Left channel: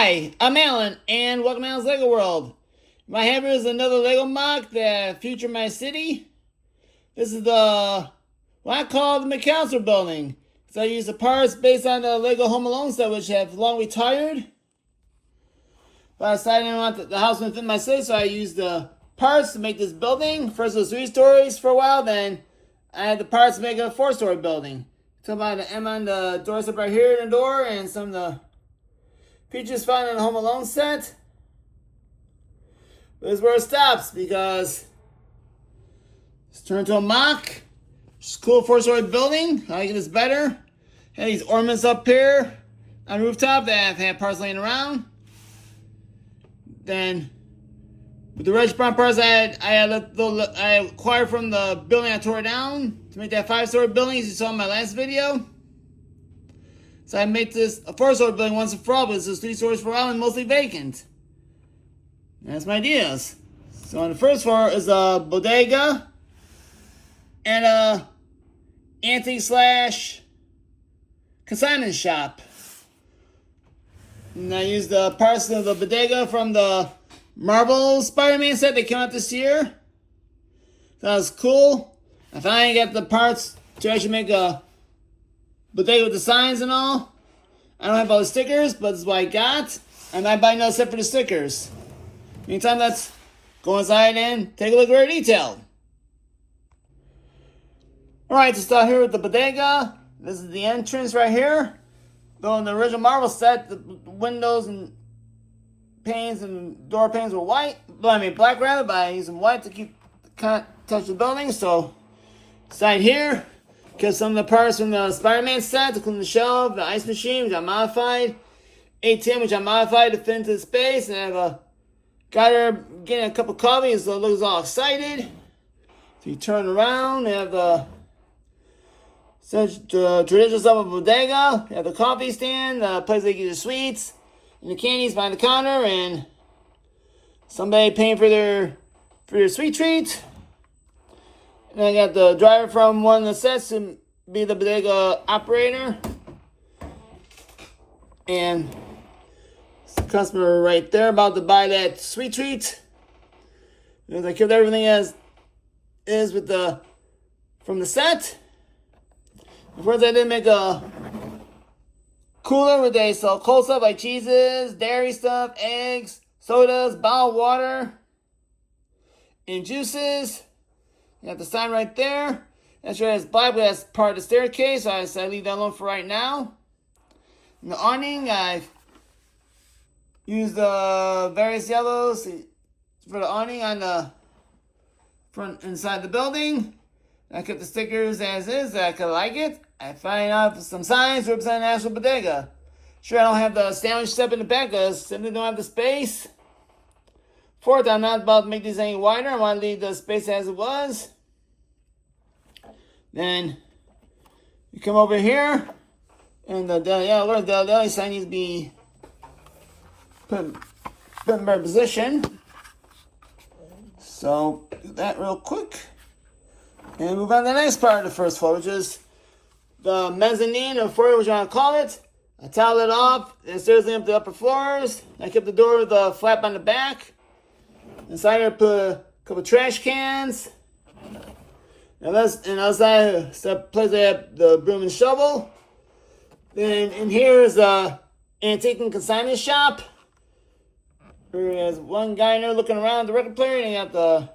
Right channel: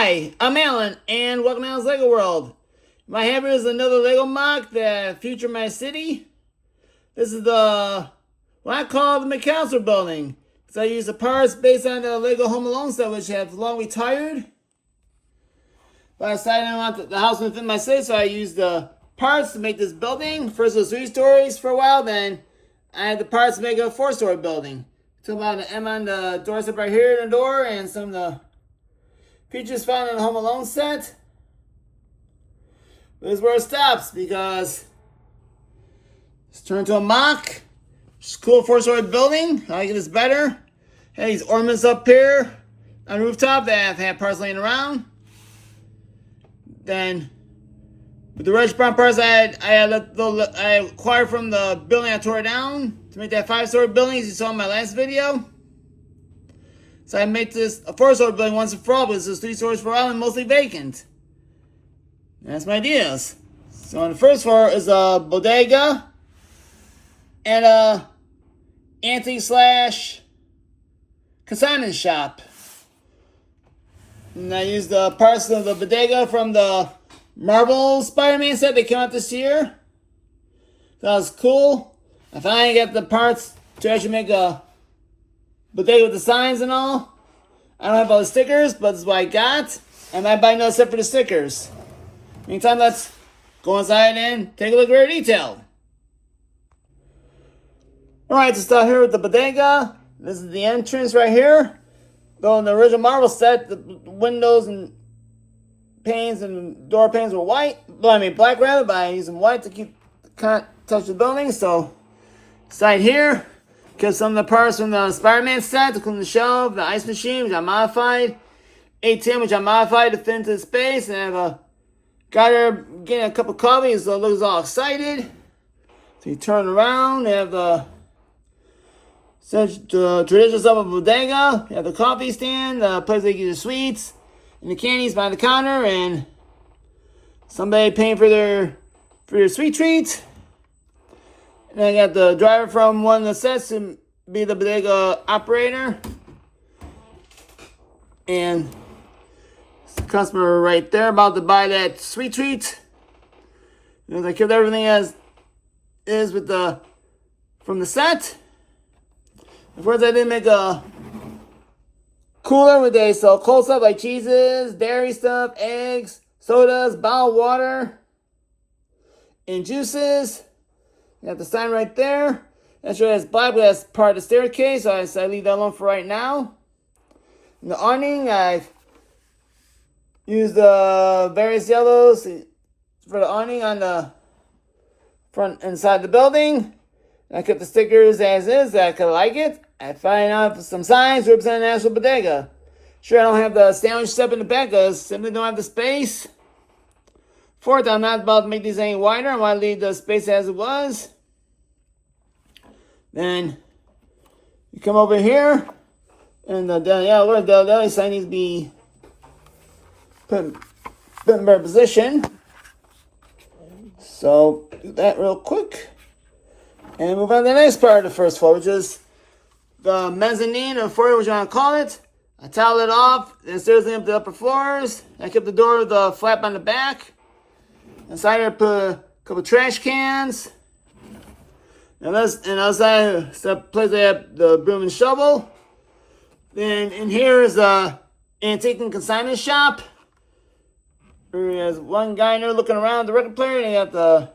Hi, I'm Alan, and welcome to Alan's Lego World. My have here is another Lego mock that features my city. This is what I call the McCallister building. So I use the parts based on the Lego Home Alone set, which have long retired. But I decided I want the house within my city, so I used the parts to make this building. First it was 3 stories for a while, then I had the parts to make a 4-story building. Talk about the M on the doorstep right here in the door, and some of the features found in the Home Alone set. This is where it stops because it's turned to a mock. It's a cool 4-story building. I like it is better. Had these ornaments up here on the rooftop that have had parts laying around. Then with the reddish brown parts I acquired from the building I tore down to make that 5-story building, as you saw in my last video. So I made this a 4-story building once and for all, but this is 3 stories for a while and mostly vacant. And that's my ideas. So on the first floor is a bodega and a antique / consignment shop. And I used the parts of the bodega from the Marvel Spider-Man set that came out this year. That was cool. I finally got the parts to actually make a bodega with the signs and all. I don't have all the stickers, but this is what I got. I might buy another set for the stickers. Meantime, let's go inside and take a look at very detailed. Alright, to start here with the bodega. This is the entrance right here. Though in the original Marvel set, the windows and panes and door panes were white. Well, I mean black rather, but I used them white to keep touch the building. So, side here, because some of the parts from the Spider-Man set, including the shelf, the ice machine, which I modified, ATM, which I modified to fit into the space, and I have got her getting a cup of coffee, so it looks all excited. So you turn around, you have the traditional stuff of bodega. You have the coffee stand, the place they get your sweets, and the candies behind the counter, and somebody paying for your sweet treat. And I got the driver from one of the sets to be the bodega operator. And the customer right there about to buy that sweet treat. And I kept everything as is with from the set. Of course, I did make a cooler where they sell cold stuff like cheeses, dairy stuff, eggs, sodas, bottled water, and juices. You have the sign right there. That's right, it's black, but that's part of the staircase. So I leave that alone for right now. In the awning, I used the various yellows for the awning on the front inside the building. I kept the stickers as is. I kind of like it. I find out some signs representing the actual bodega. Sure, I don't have the sandwich step in the back because I simply don't have the space. Fourth, I'm not about to make these any wider. I want to leave the space as it was. Then you come over here, and the deli sign needs to be put in better position. So do that real quick, and move on to the next part of the first floor, which is the mezzanine or foyer, which I want to call it. I tile it off. The stairs up to the upper floors. I kept the door with the flap on the back. Inside I put a couple trash cans. And outside the place I have the broom and shovel. Then in here is a antique and consignment shop. There's one guy in there looking around the record player, and you have the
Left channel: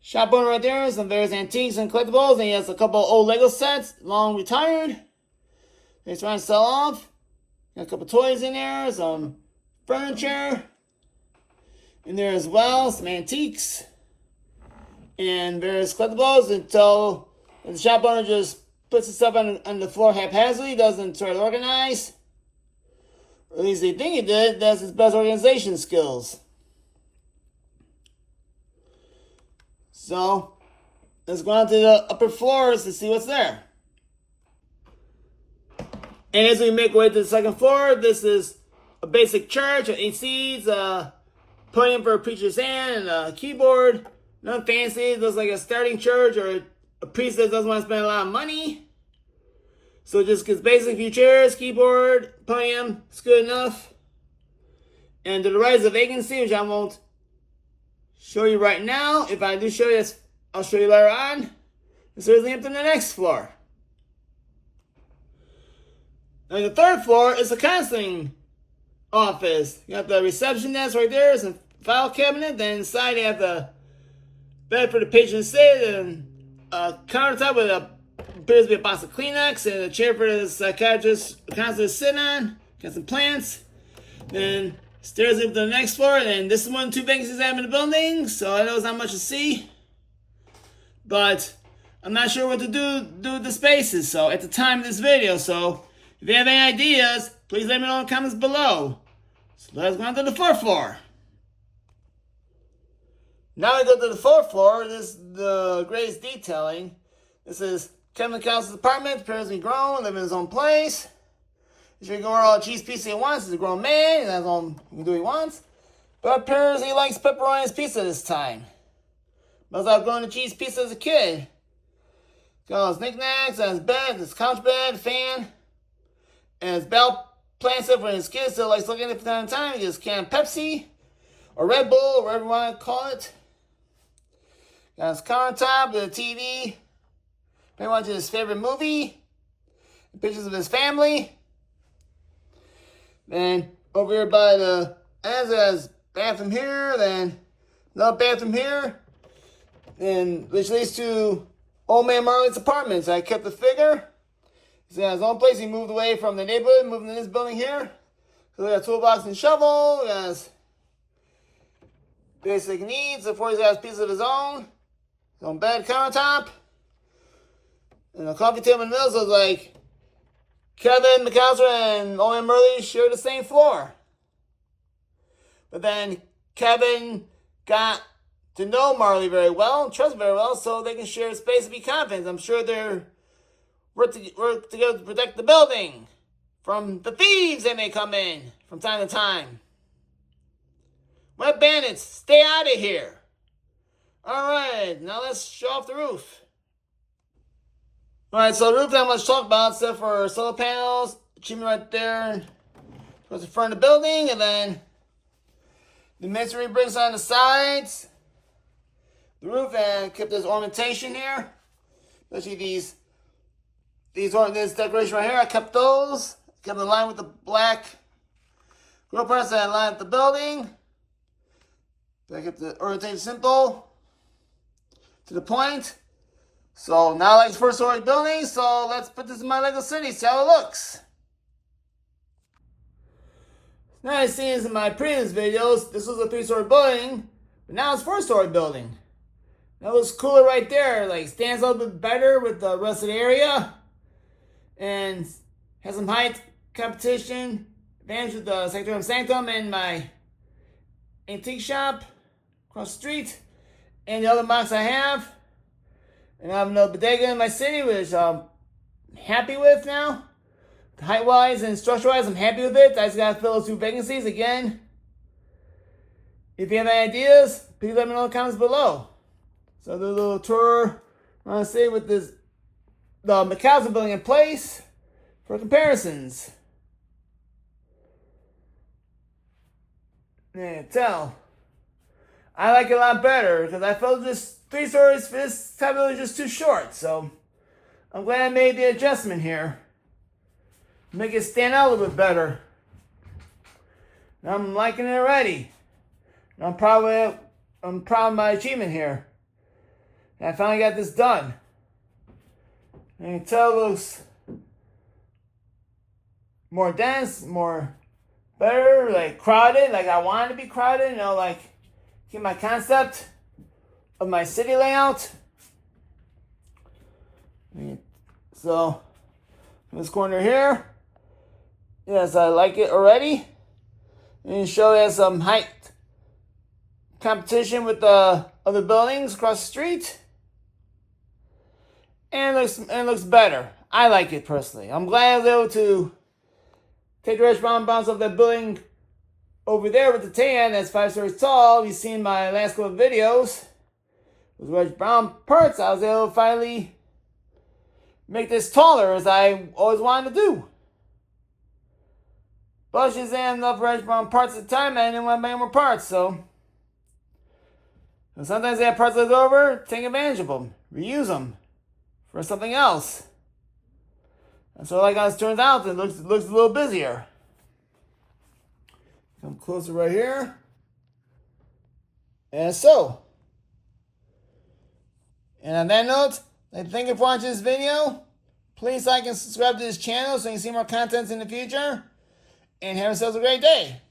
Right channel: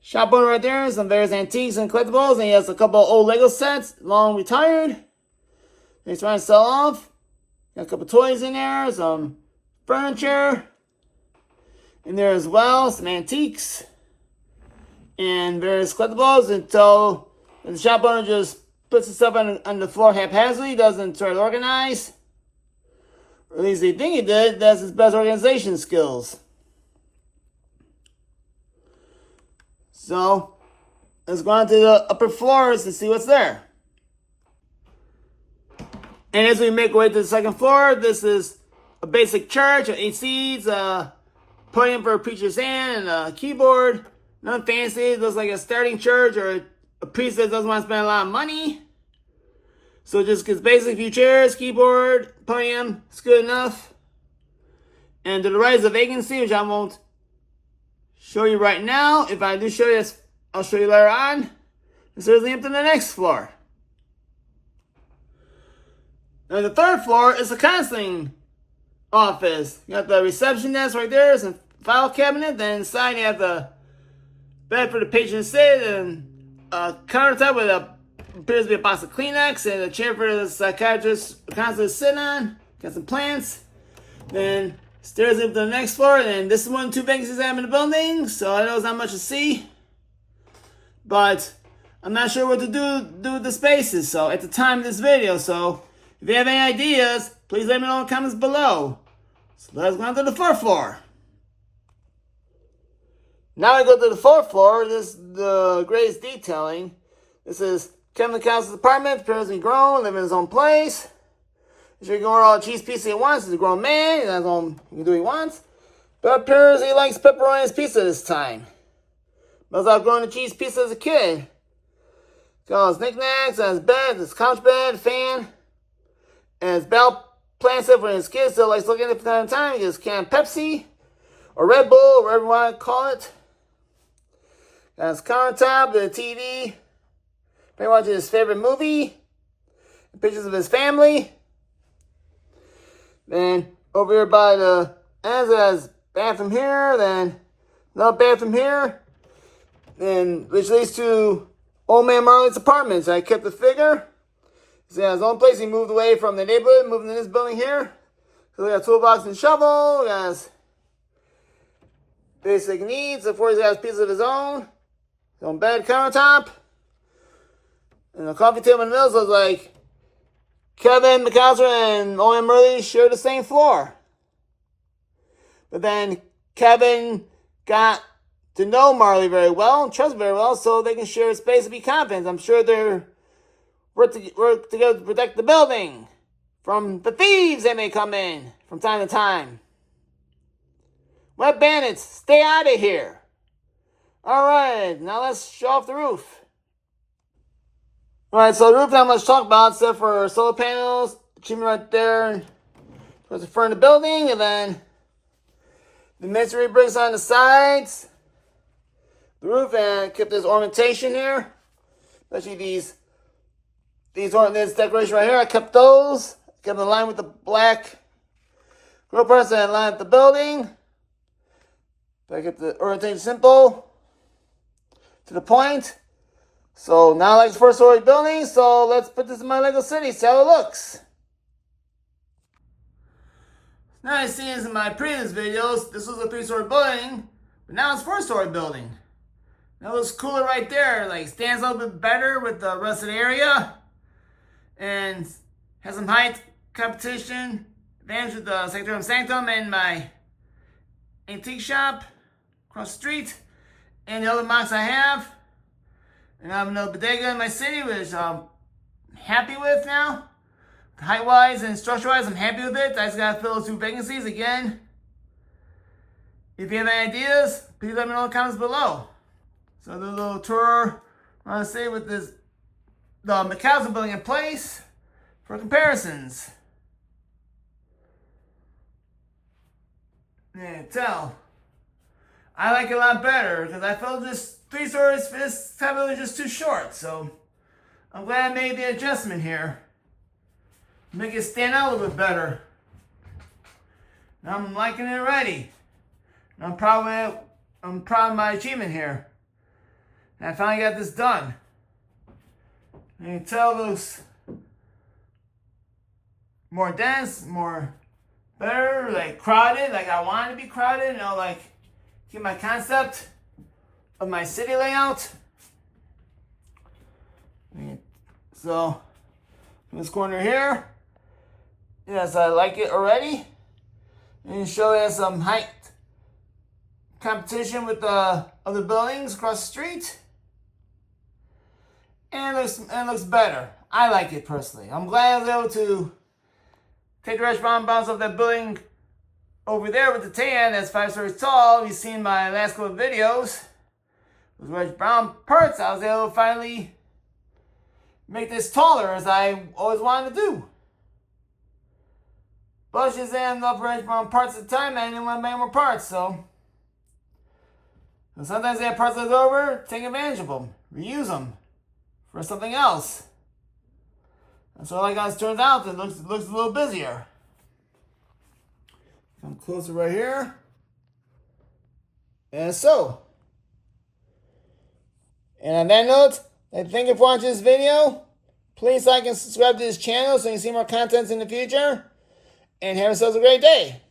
shop owner right there, some various antiques and collectibles, and he has a couple of old Lego sets, long retired. He's trying to sell off. Got a couple toys in there, some furniture in there as well, some antiques, and various collectibles until the shop owner just puts his stuff on the floor haphazardly, doesn't try to organize. Or at least they think he did. That's his best organization skills. So, let's go on to the upper floors to see what's there. And as we make our way to the second floor, this is a basic church, 8 seats, podium for a preacher's hand, and a keyboard. Nothing fancy. It looks like a starting church or a priest that doesn't want to spend a lot of money. So just gets basically a few chairs, keyboard, podium, it's good enough. And to the right is a vacancy, which I won't show you right now. If I do show you, I'll show you later on. This is the empty to the next floor. And the third floor is the counseling office. You got the reception desk right there. It's a file cabinet. Then inside you have the bed for the patient to sit, and a countertop with a appears to be a box of Kleenex, and a chair for the psychiatrist counselor to sit on. Got some plants. Then stairs up to the next floor, and this is one of 2 vacancies I have in the building, so I know it's not much to see. But I'm not sure what to do with the spaces, so at the time of this video. So if you have any ideas, please let me know in the comments below. So let's go on to the 4th floor. Now I go to the 4th floor. This is the greatest detailing. This is Kevin McCallister's apartment. Appears to be grown, living in his own place. He's going all cheese pizza he wants. He's a grown man. He has his own, he can do what he wants. But appears he likes pepperoni on his pizza this time. Must have grown the cheese pizza as a kid. Got all his knickknacks, his bed, his couch bed, fan, and his bell plant stuff for his kids. Still likes looking at it from time to time. He gets canned Pepsi or Red Bull, whatever you want to call it. Got his countertop, the TV. Maybe watching his favorite movie. Pictures of his family. Then over here by the ends, it has bathroom here. Then another bathroom here. Then which leads to Old Man Marley's apartments. I kept the figure. He's in his own place. He moved away from the neighborhood, moving to this building here. So we got a toolbox and shovel. He has basic needs. Of course, he has pieces of his own bed, countertop. And a coffee table in the middle. So it's like Kevin McCallister and Owen Murray share the same floor. But then Kevin got to know Marley very well and trust very well, so they can share space and be confident. I'm sure they're work together to protect the building from the thieves that may come in from time to time. Wet bandits, stay out of here. All right, now let's show off the roof. All right, so the roof not much to talk about except for solar panels, achievement right there towards the front of the building, and then the masonry bricks on the sides. The roof, and kept this ornamentation here, especially this decoration right here. I kept those, kept in line with the black grill parts that line up the building. But I kept the orientation simple to the point. So now like it's 1st-story building, so let's put this in my Lego city, see how it looks. Now I've seen this in my previous videos. This was a 3-story building, but now it's 4-story building. That looks cooler right there. Like stands a little bit better with the rest of the area, and has some height competition advantage with the Sanctum and my antique shop across the street, and the other mocks I have. And I have another bodega in my city, which I'm happy with now. Height-wise and structure-wise, I'm happy with it. I just gotta fill those 2 vacancies again. If you have any ideas, please let me know in the comments below. So do a little tour around the city with the McCallister building in place for comparisons. Yeah, tell. I like it a lot better because I felt just 3 stories for this type of building just too short. So I'm glad I made the adjustment here. Make it stand out a little bit better. And I'm liking it already. And I'm proud of my achievement here. And I finally got this done. And you can tell it looks more dense, more better, like crowded, like I want it to be crowded, you know, like keep my concept of my city layout. So in this corner here, yes, I like it already. And show that some height competition with the other buildings across the street. And it looks better. I like it personally. I'm glad I was able to take the restaurant bounce off that building over there with the tan that's 5 stories tall. You've seen my last couple of videos. With red brown parts, I was able to finally make this taller as I always wanted to do. bushes and the operation on parts at a time, and then want to buy more parts. So and sometimes they have parts left over, take advantage of them, reuse them for something else. And so like it turns out, it looks a little busier. Come closer right here. And so. And on that note, thank you for watching this video. Please like and subscribe to this channel so you can see more content in the future. And have yourselves a great day.